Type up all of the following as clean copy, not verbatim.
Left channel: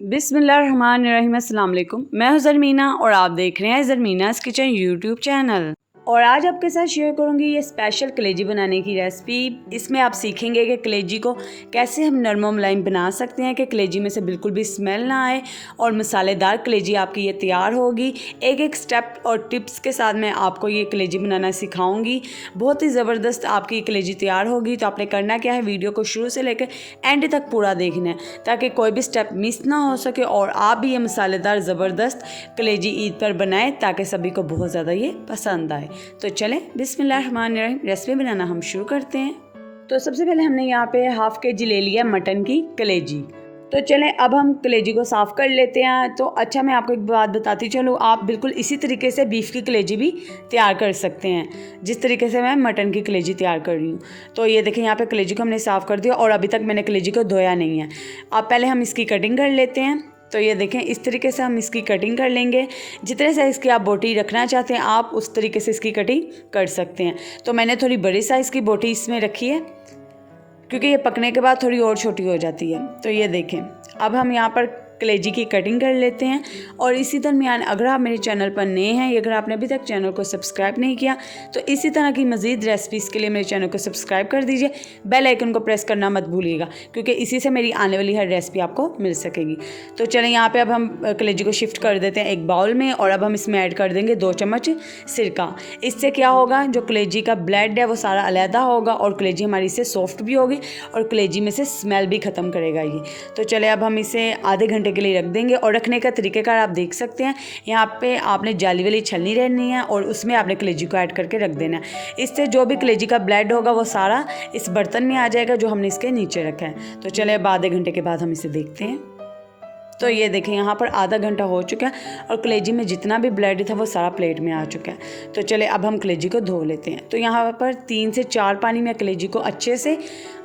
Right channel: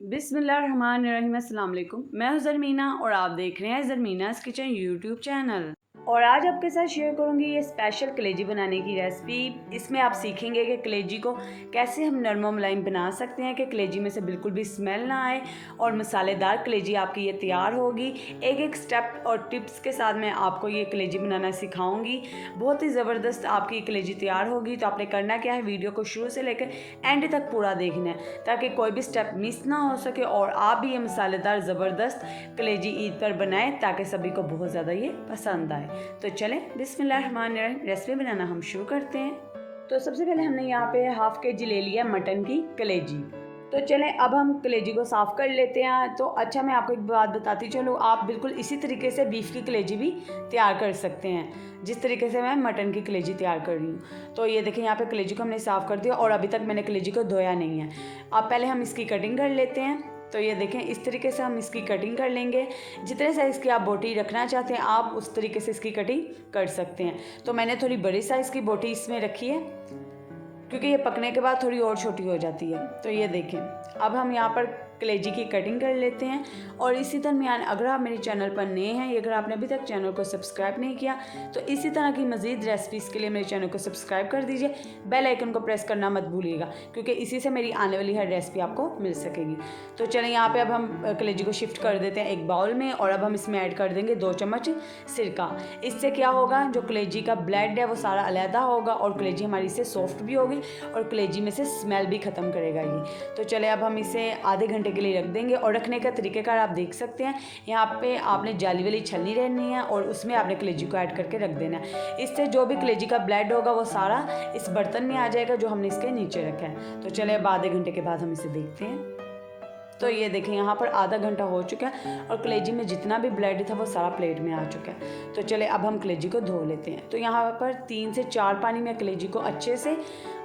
बिस्मिल्लाहिर्रहमानिर्रहीम, अस्सलाम वालेकुम। मैं हूं ज़रमीना और आप देख रहे हैं ज़रमीनास किचन यूट्यूब चैनल। और आज आपके साथ शेयर करूंगी ये स्पेशल कलेजी बनाने की रेसिपी। इसमें आप सीखेंगे कि कलेजी को कैसे हम नरम व मुलायम बना सकते हैं कि कलेजी में से बिल्कुल भी स्मेल ना आए और मसालेदार कलेजी आपकी ये तैयार होगी। एक एक स्टेप और टिप्स के साथ मैं आपको ये कलेजी बनाना सिखाऊंगी। बहुत ही ज़बरदस्त आपकी कलेजी तैयार होगी। तो आपने करना क्या है, वीडियो को शुरू से लेकर एंड तक पूरा देखना है ताकि कोई भी स्टेप मिस ना हो सके और आप भी ये मसालेदार ज़बरदस्त कलेजी ईद पर बनाएं ताकि सभी को बहुत ज़्यादा ये पसंद आए। तो चलें बिस्मिल्लाहिर्रहमानिर्रहीम, रेसिपी बनाना हम शुरू करते हैं। तो सबसे पहले हमने यहाँ पे हाफ़ के जी ले लिया मटन की कलेजी। तो चलें अब हम कलेजी को साफ़ कर लेते हैं। तो अच्छा, मैं आपको एक बात बताती चलूँ, आप बिल्कुल इसी तरीके से बीफ की कलेजी भी तैयार कर सकते हैं जिस तरीके से मैं मटन की कलेजी तैयार कर रही हूँ। तो ये देखें, यहाँ पे कलेजी को हमने साफ़ कर दिया और अभी तक मैंने कलेजी को धोया नहीं है। अब पहले हम इसकी कटिंग कर लेते हैं। तो ये देखें, इस तरीके से हम इसकी कटिंग कर लेंगे। जितने साइज़ की आप बोटी रखना चाहते हैं आप उस तरीके से इसकी कटिंग कर सकते हैं। तो मैंने थोड़ी बड़ी साइज़ की बोटी इसमें रखी है क्योंकि ये पकने के बाद थोड़ी और छोटी हो जाती है। तो ये देखें, अब हम यहाँ पर कलेजी की कटिंग कर लेते हैं। और इसी दरमियान अगर आप मेरे चैनल पर नए हैं या अगर आपने अभी तक चैनल को सब्सक्राइब नहीं किया तो इसी तरह की मज़ीद रेसिपीज़ के लिए मेरे चैनल को सब्सक्राइब कर दीजिए। बेल आइकन को प्रेस करना मत भूलिएगा क्योंकि इसी से मेरी आने वाली हर रेसिपी आपको मिल सकेगी। तो चलें, यहाँ पर अब हम कलेजी को शिफ्ट कर देते हैं एक बाउल में और अब हम इसमें ऐड कर देंगे 2 चम्मच सिरका। इससे क्या होगा, जो कलेजी का ब्लड है वो सारा अलहदा होगा और कलेजी हमारी इससे सॉफ्ट भी होगी और कलेजी में से स्मेल भी ख़त्म करेगा ये। तो चले अब हम इसे आधे घंटे के लिए रख देंगे। और रखने का तरीक़ेकार आप देख सकते हैं, यहाँ पे आपने जाली वाली छलनी रहनी है और उसमें आपने कलेजी को ऐड करके रख देना है। इससे जो भी कलेजी का ब्लड होगा वो सारा इस बर्तन में आ जाएगा जो हमने इसके नीचे रखा है। तो चले अब आधे घंटे के बाद हम इसे देखते हैं। तो ये देखें, यहाँ पर आधा घंटा हो चुका है और कलेजी में जितना भी ब्लड था वो सारा प्लेट में आ चुका है। तो चले अब हम कलेजी को धो लेते हैं। तो यहाँ पर 3 से 4 पानी में कलेजी को अच्छे से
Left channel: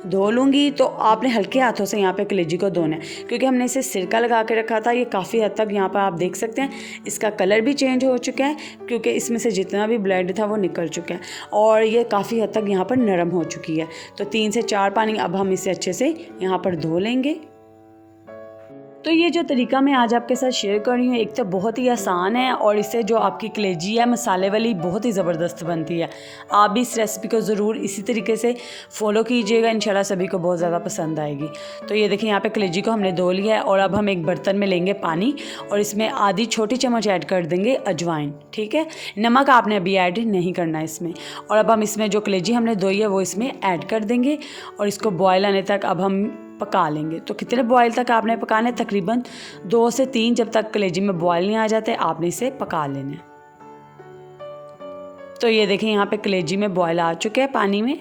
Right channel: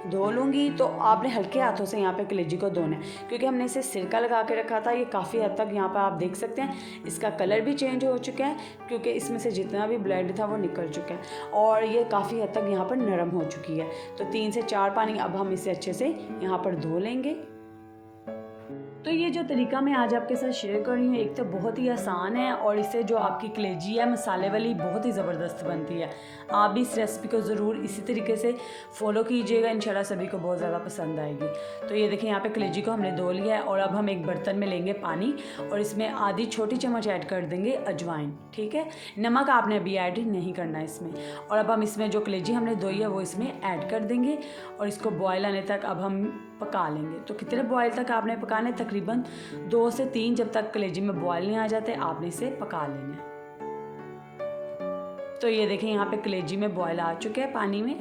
धो लूँगी। तो आपने हल्के हाथों से यहाँ पे कलेजी को धोना है क्योंकि हमने इसे सिरका लगा के रखा था। ये काफ़ी हद तक यहाँ पर आप देख सकते हैं इसका कलर भी चेंज हो चुका है क्योंकि इसमें से जितना भी ब्लड था वो निकल चुका है और ये काफ़ी हद तक यहाँ पर नरम हो चुकी है। तो 3 से 4 पानी अब हम इसे अच्छे से यहाँ पर धो लेंगे। तो ये जो तरीका मैं आज आपके साथ शेयर कर रही हूँ एक तो बहुत ही आसान है और इससे जो आपकी कलेजी है मसाले वाली बहुत ही ज़बरदस्त बनती है। आप भी इस रेसिपी को ज़रूर इसी तरीके से फॉलो कीजिएगा, इंशाल्लाह सभी को बहुत ज़्यादा पसंद आएगी। तो ये देखिए, यहाँ पे कलेजी को हमने धो लिया है और अब हम एक बर्तन में लेंगे पानी और इसमें आधी छोटी चम्मच ऐड कर देंगे अजवाइन। ठीक है, नमक आपने अभी ऐड नहीं करना है इसमें। और अब हम इसमें जो कलेजी हमने धोई है वो इसमें ऐड कर देंगे और इसको बॉयल आने तक अब हम पका लेंगे। तो कितने बॉयल तक आपने पकाना है, तकरीबन 2 से 3, जब तक कलेजी में बॉयल नहीं आ जाते आपने इसे पका लेना है। तो ये देखें, यहाँ पे कलेजी में बॉयल आ चुके हैं पानी में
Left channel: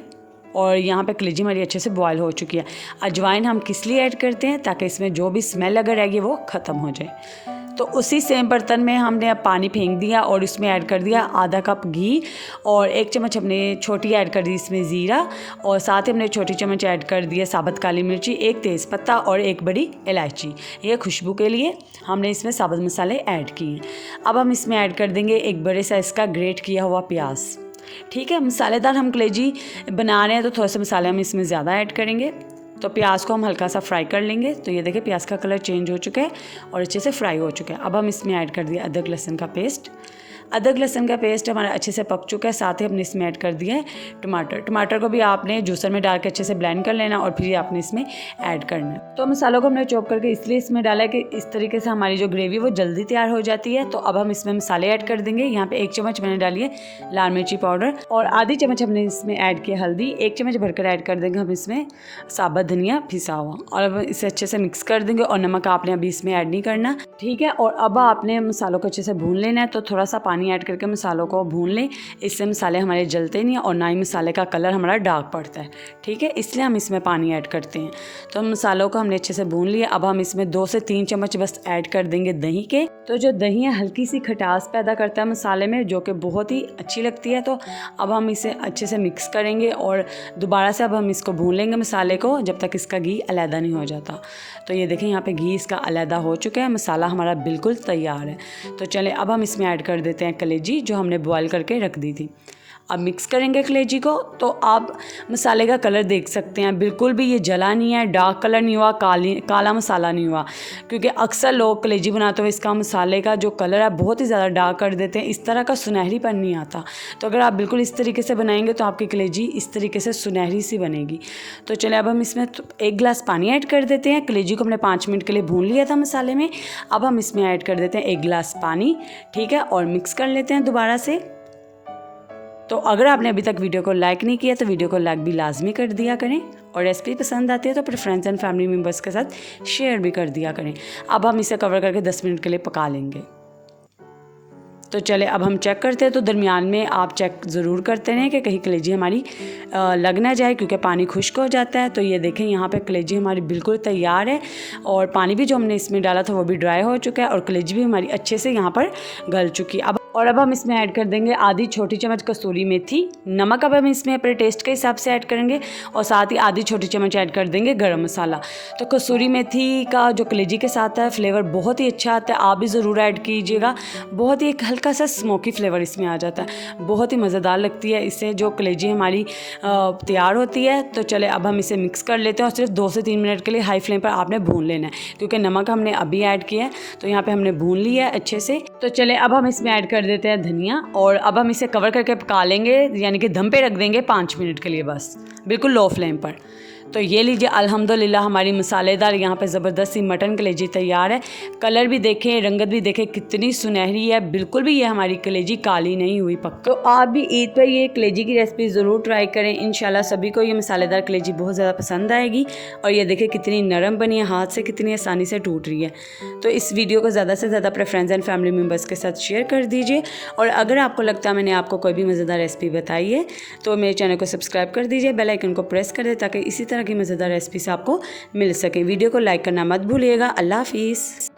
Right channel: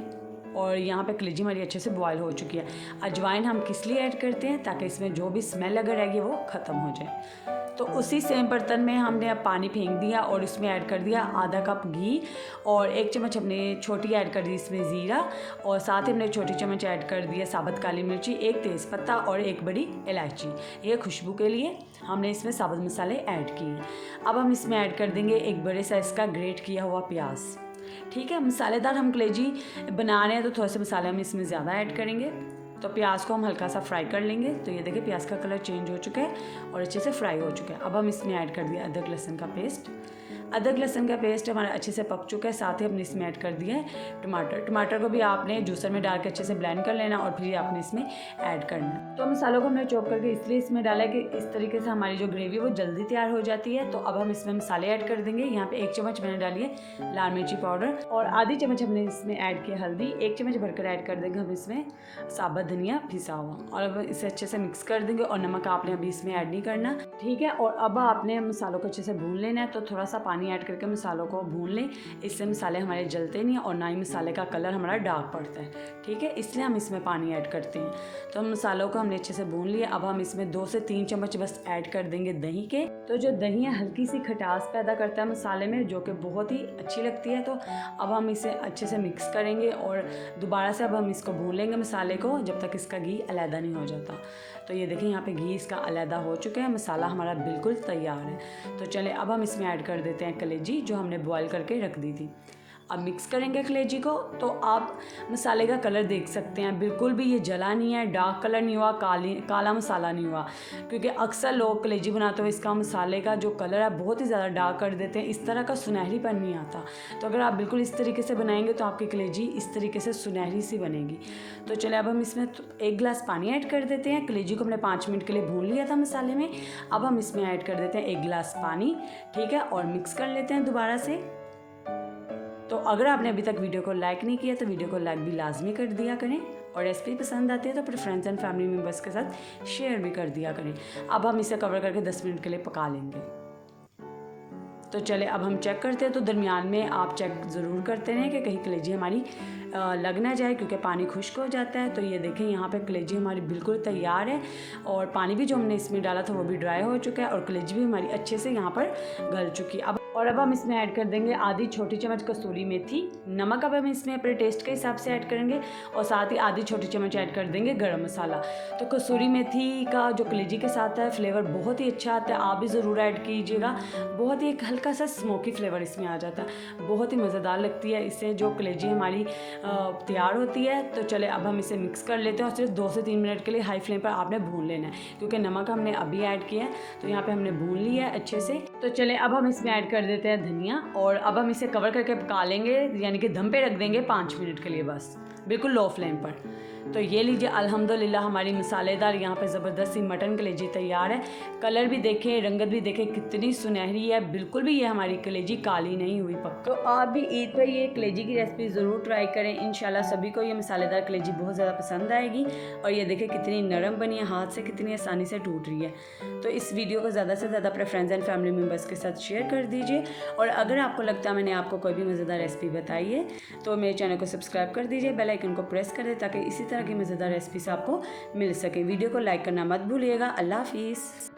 और यहाँ पे कलेजी हमारी अच्छे से बॉयल हो चुकी है। अजवाइन हम किस लिए ऐड करते हैं, ताकि इसमें जो भी स्मेल अगर रहेगी वो ख़त्म हो जाए। तो उसी सेम बर्तन में हमने अब पानी फेंक दिया और इसमें ऐड कर दिया आधा कप घी और 1 चम्मच हमने छोटी ऐड कर दी इसमें ज़ीरा और साथ ही हमने छोटी चम्मच ऐड कर दिया साबुत काली मिर्ची, 1 तेज़पत्ता और 1 बड़ी इलायची। ये खुशबू के लिए हमने इसमें साबुत मसाले ऐड किए। अब हम इसमें ऐड कर देंगे 1 बड़े साइज़ का ग्रेट किया हुआ प्याज। ठीक है, मसालेदार हम कलेजी बना रहे हैं तो थोड़े से मसाले हम इसमें ज़्यादा ऐड करेंगे। तो प्याज को हम हल्का सा फ्राई कर लेंगे। तो ये देखिए, प्याज का कलर चेंज हो चुका है और अच्छे से फ्राई हो चुका है। अब हम इसमें ऐड कर दिया अदरक लहसुन का पेस्ट। अदरक लहसुन का पेस्ट हमारा अच्छे से पक चुका है। साथ ही हमने इसमें ऐड कर दिया है टमाटर को भी आपने जूसर में डाल के अच्छे से ब्लेंड कर लेना और फिर आपने इसमें ऐड करना है। तो मसालों को हमने चॉप करके इसलिए इसमें डाला है कि इस तरीके से हमारी जो ग्रेवी वो जल्दी तैयार हो जाती है। तो अब हम इसमें मसाले ऐड कर देंगे। यहाँ पे 1 चम्मच मैंने डाली है लाल मिर्ची पाउडर और आधी चम्मच हमने इसमें ऐड किया हल्दी। 1 चम्मच भरकर ऐड कर देंगे हम इसमें साबुत धनिया पिसा हुआ और अब इसे अच्छे से मिक्स कर देंगे और नमक आपने अभी इसमें ऐड नहीं करना। ठीक है, और अब आपने मसालों को अच्छे से भून लेना है। तो थोड़ा सा पानी ऐड करके मसालों को भून लें, इससे मसाले हमारे जलते नहीं और ना ही मसाले का कलर हमारा डार्क पड़ता है। ठीक है, इसलिए हम इसमें पानी ऐड करते हैं। तो मसालों को हमने अच्छे से भून लिया। अब हम इसमें 2 से 3 चम्मच बस ऐड कर देंगे दही के। तो जो दही है हल्की सी खटास पैदा करता है मसाले में, जो कि बहुत ही अच्छी लगती है। तो अब हम इसे अच्छे से मिक्स करेंगे और दोबारा से अब हम इसको भून लेंगे मसाले को जब तक इसका घी अलहदा नहीं हो जाता। तो ये देखें, यहाँ पे घी इसका अलहदा हो चुका है, मसाला हमारा बिल्कुल तैयार है। तो चलें अब हम इसमें ऐड कर देते हैं कलेजी जो हमने बॉयल करके रख दी थी। अब मिक्स करेंगे कलेजी को। तो आप मसाले का कलर देख सकते हैं, बिल्कुल भी ये जला नहीं है, डार्क कलर नहीं हुआ, काला मसाला नहीं हुआ। क्योंकि अक्सर लोग कलेजी बनाते हुए इसका मसाले का जो कलर है बहुत ही ज़्यादा डार्क कर देते हैं, इस तरह का सुनहरीपन नहीं आता। तो अगर आप बिल्कुल इस तरीके से बनाएंगे तो आपकी कलेजी इस तरीके से सुनहरी सी बनेगी। तो चलिए अब हम इसमें 1 गिलास पानी ऐड कर देते हैं। कलेजी को हमने 5 मिनट के लिए भून लिया था मसाले में। अब हम इसमें ऐड कर देते हैं 1 गिलास पानी, ठीक है, और मिक्स कर लेते हैं दोबारा से। तो अगर आपने अभी तक वीडियो को लाइक नहीं किया तो वीडियो को लाइक भी लाजमी कर दिया करें, और रेसिपी पसंद आती है तो अपने फ्रेंड्स एंड फैमिली मेम्बर्स के साथ शेयर भी कर दिया करें। अब हम इसे कवर करके 10 मिनट के लिए पका लेंगे। तो चले अब हम चेक करते हैं। तो दरमियान में आप चेक ज़रूर करते रहें कि कहीं कलेजी हमारी लग ना जाए, क्योंकि पानी खुश्क हो जाता है। तो ये देखें यहाँ पे कलेजी हमारी बिल्कुल तैयार है, और पानी भी जो हमने इसमें डाला था वो भी ड्राई हो चुका है, और कलेजी भी हमारी अच्छे से यहाँ पर गल चुकी है। अब हम इसमें ऐड कर देंगे आधी छोटी चम्मच कसूरी मेथी। नमक अब हम इसमें अपने टेस्ट के हिसाब से ऐड करेंगे, और साथ ही आधी छोटी चम्मच ऐड कर देंगे गरम मसाला। तो कसूरी मेथी का जो कलेजी के साथ है फ्लेवर बहुत ही अच्छा आता है, आप भी ज़रूर ऐड कीजिएगा। बहुत ही एक हल्का सा स्मोकी फ्लेवर इसमें आ जाता है, बहुत ही मज़ेदार लगती है इससे जो कलेजी हमारी तैयार होती है। तो चले अब हम इसे मिक्स कर लेते हैं, और सिर्फ 2 से 3 मिनट के लिए हाई फ्लेम पर आपने भून लेना है, क्योंकि नमक हमने अभी ऐड किया है। तो यहाँ पर हमने भून लिया है अच्छे से। तो चले अब हम इसमें ऐड कर देते हैं धनिया, और अब हम इसे कवर करके पका लेंगे, यानी कि दम पे रख देंगे 5 मिनट के लिए बस, बिल्कुल लो फ्लेम पर। तो ये लीजिए अल्हम्दुलिल्लाह हमारी मसालेदार यहाँ पे ज़बरदस्त सी मटन कलेजी तैयार है। कलर भी देखें, रंगत भी देखें कितनी सुनहरी है, बिल्कुल भी ये हमारी कलेजी काली नहीं हुई पक। तो आप भी ईद पर ये कलेजी की रेसिपी ज़रूर ट्राई करें, इंशाल्लाह सभी को ये मसालेदार कलेजी बहुत ज़्यादा पसंद आएगी। और ये देखें कितनी नरम बनी है, हाथ से कितनी आसानी से टूट रही है। तो इस वीडियो को ज़्यादा से ज़्यादा अपने फ्रेंड्स एंड फैमिली मेम्बर्स के साथ शेयर कर दीजिए, और अगर आपको लगता है मैंने आपको कोई भी मज़ेदार रेसिपी बताई है तो मेरे चैनल को सब्सक्राइब कर दीजिए, बेल आइकन को प्रेस कर दे ताकि इसी तरह की मज़ेदार रेसिपी से आपको मिल सके। वीडियो को लाइक करना मत भूलिएगा। अल्लाह हाफिज़।